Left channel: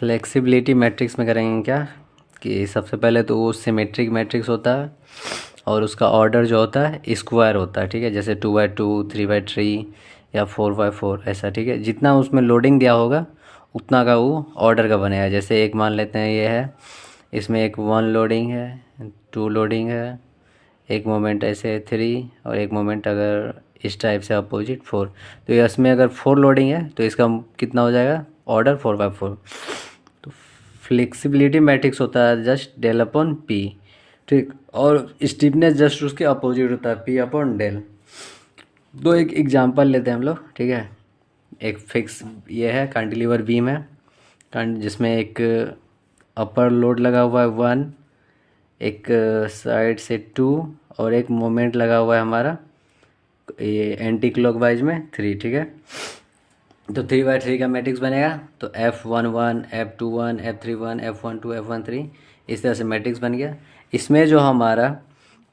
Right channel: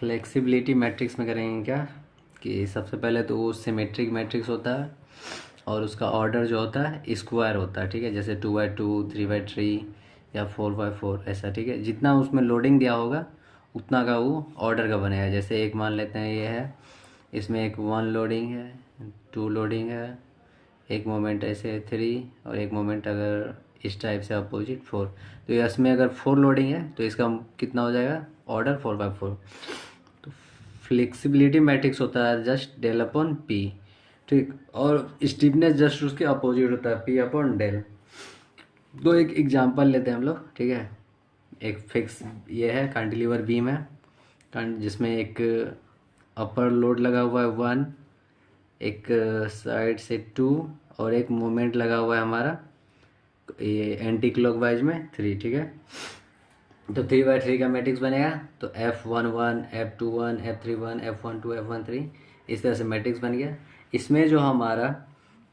Flexibility matrix में करेंगे क्या कि सबसे पहले तो वो सिमेट्रिक मैट्रिक्स होता है और उसका ऑर्डर जो होता है स्क्वायर होता है, ठीक है। जैसे 2x2, 3x3 या 4x4 ऐसा, ठीक है। जितना उसमें लोडिंग दिया होगा उतना का वो ऑर्डर का बनेगा। जैसे एक मान लेते हैं ये है, इसमें एक 1 लोडिंग है, 2 लोडिंग है, एक मोमेंट ऐसे 3 और एक मोमेंट अगर इस टाइप से अपोजिट 4। तो ये इसमें अगर 4 लोडिंग है तो इसका कितना हो जाएगा ऑर्डर 4x4। तो फ्लेक्सिबिलिटी मैट्रिक्स होता है जस्ट डेल अपॉन पी, ठीक। और स्टीफनेस जस्ट उसके अपोजिट होता है पी अपॉन डेल। तो एक एग्जांपल लेते हैं हम लोग, ठीक है। एक फिक्स ये है कैंटिलीवर बीम है जिसमें एक अपर लोड लगा हुआ है 1, एक साइड से 2 और एक मोमेंट लगा हुआ है हमारा ये एंटी क्लॉकवाइज में 3, ठीक है। तो 3x3 का मैट्रिक्स बनेगा। तो F11, F21, F31, F12, F13 इस तरह से मैट्रिक्स बन गया। इसमें जो हमारा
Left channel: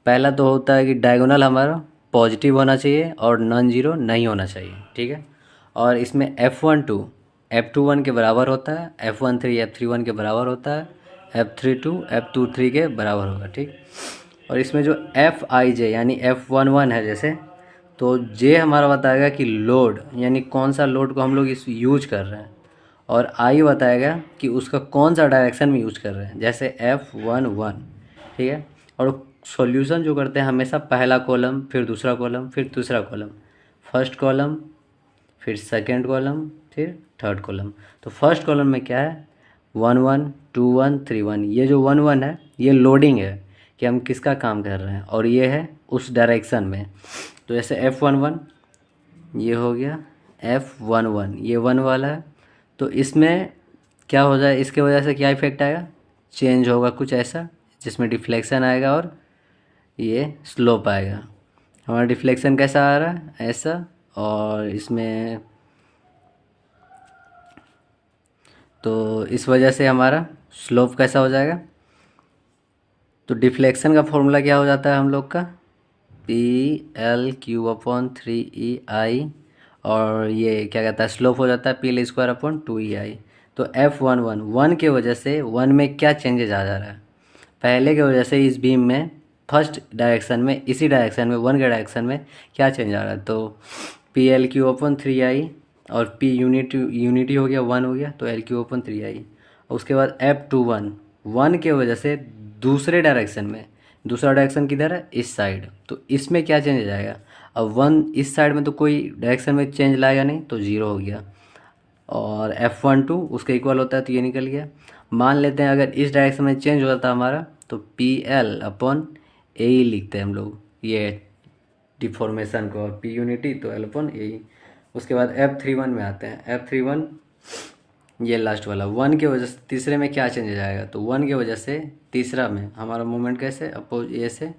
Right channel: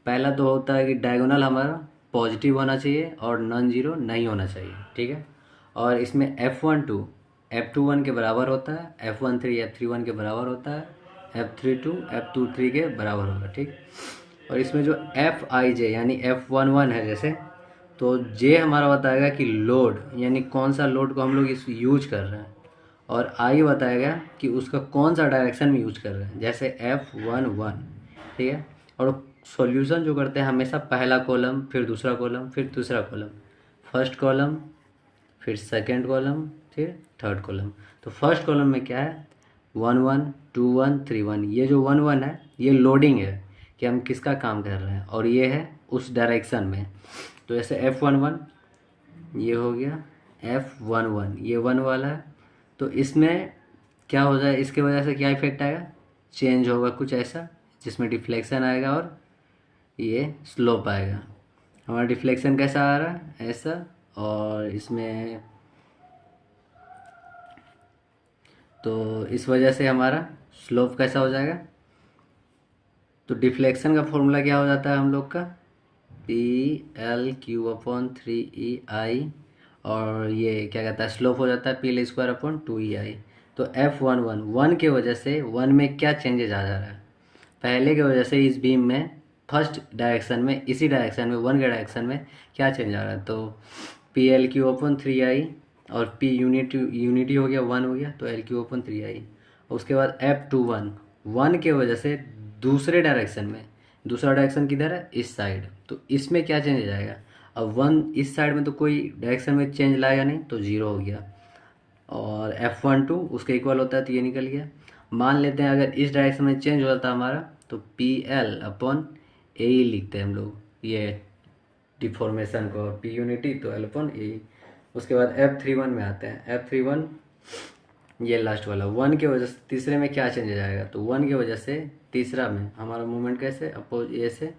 पहला तो होता है कि डायगोनल हमारा पॉजिटिव होना चाहिए और नॉन जीरो नहीं होना चाहिए, ठीक है। और इसमें F12 F21 के बराबर होता है, F13 F31 के बराबर होता है, F32 F23 के बराबर होगा, ठीक। और इसमें जो Fij यानी F11 है जैसे, तो जे हमारा बताएगा कि लोड यानी कौन सा लोड को हम लोग इस यूज कर रहे हैं, और आई बताएगा कि उसका कौन सा डायरेक्शन में यूज कर रहे हैं, जैसे F11, ठीक है। और सॉल्यूशन जो करते हैं हमेशा पहला कॉलम, फिर दूसरा कॉलम, फिर तीसरा कॉलम, फर्स्ट कॉलम, फिर सेकंड कॉलम, फिर थर्ड कॉलम। तो फर्स्ट कॉलम में क्या है 1 1 2 1 3 1। ये जो 1 1 है ये लोडिंग है कि हम किसका काम कर रहे हैं, और ये है उस डायरेक्शन में। तो जैसे F11 ये हो गया, F11 ये 1 वाला है। तो इसमें क्या हो जाए, इसके वजह से क्या इफेक्ट आएगा, चेंज होगा कुछ ऐसा जिसमें डिफ्लेक्शन आएगा और ये स्लोप आएगा। हमारा डिफ्लेक्शन कैसा आ रहा है ऐसा, और इसमें तो इस वजह से हमारा स्लोप कैसा हो जाएगा। तो डिफ्लेक्शन का फॉर्मूला क्या हो जाता है हम लोग का, PL³/3EI, और ये क्या कहता है स्लोप हो जाता है PL²/2EI। तो F11 1 के वजह से 1 में क्या चेंजेस आ जा रहा है, पहले के वजह से इस बीम में फर्स्ट डायरेक्शन में, इसी डायरेक्शन में 1 के डायरेक्शन में क्या चेंज आ रहा है। तो PL³/3I और P यूनिटी हो गया 1 हो गया, तो L³/3I। उसके बाद F21 1 के वजह से दूसरे डायरेक्शन में, दूसरा डायरेक्शन किधर है इस साइड, तो इसमें क्या चेंज आ जाएगा। अब 1 इस साइड में तो कोई डायरेक्शन में चेंज लाएगा नहीं, तो 0 हो गया। और F12 उसके इक्वल होता है, तो ये निकल गया। मान लेते हैं अगर इस डायरेक्शन में चेंज हो जाता हमारा, तो PL/AE लिखते हैं हम लोग ये डिफॉर्मेशन को, P यूनिटी तो L/AE। उसके बाद F31 में आते हैं। F31 ये लास्ट वाला 1 के वजह से तीसरे में क्या चेंज आएगा, तो 1 की वजह से तीसरा में हमारा मूवमेंट कैसे अपोज ए से,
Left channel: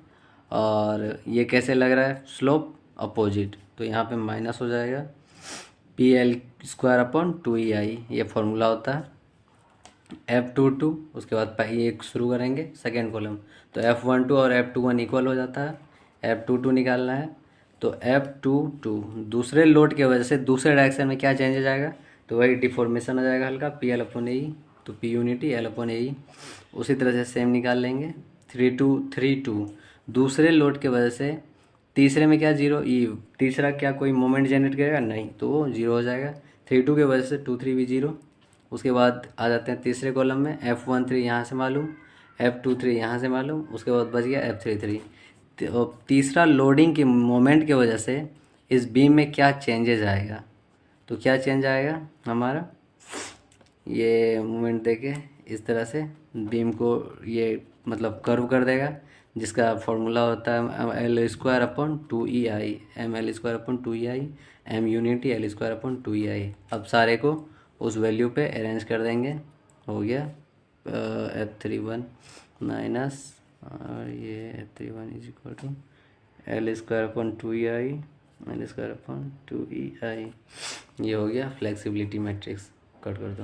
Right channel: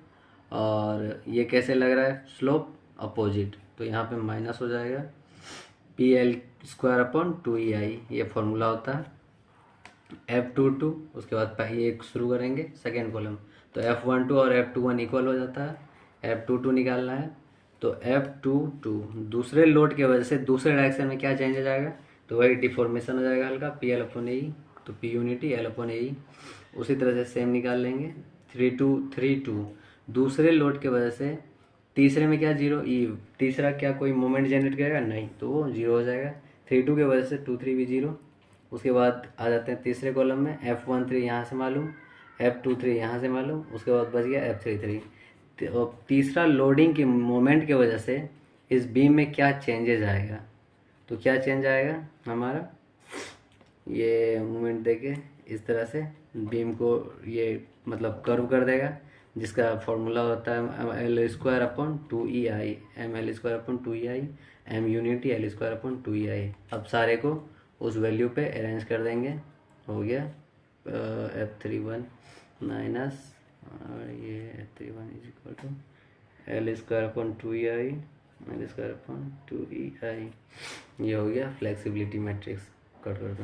और ये कैसे लग रहा है स्लोप अपोजिट, तो यहाँ पे माइनस हो जाएगा PL²/2EI, ये फॉर्मूला होता है। F22 उसके बाद ये शुरू करेंगे सेकेंड कॉलम, तो F12 और F21 इक्वल हो जाता है, F22 निकालना है। तो F22 दूसरे लोड की वजह से दूसरे डायरेक्शन में क्या चेंज हो जाएगा, तो वही डिफॉर्मेशन हो जाएगा हल्का PL/AE, तो P यूनिटी L/AE। उसी तरह से सेम निकाल लेंगे 32 दूसरे लोड की वजह से तीसरे में क्या 0 ई, तीसरा क्या कोई मोमेंट जनरेट करेगा नहीं, तो वो 0 हो जाएगा। 32 की वजह से 23 भी 0। उसके बाद आ जाते हैं तीसरे कॉलम में, F13 यहाँ से मालूम, F23 यहाँ से मालूम, उसके बाद बच गया F33। तो तीसरा लोडिंग के मोमेंट की वजह से इस बीम में क्या चेंजेस आएगा, तो क्या चेंज आएगा हमारा, ये मोमेंट देके इस तरह से बीम को ये मतलब कर्व कर देगा, जिसका फॉर्मूला होता है L²/2EI, ML²/2EI, M unity L²/2EI। अब सारे को उस वैल्यू पे अरेंज कर देंगे, हो गया F31 माइनस, और ये F31 is equal to L²/2EI L²/2EI। ये हो गया फ्लेक्सिबिलिटी मैट्रिक्स। कट कर दो।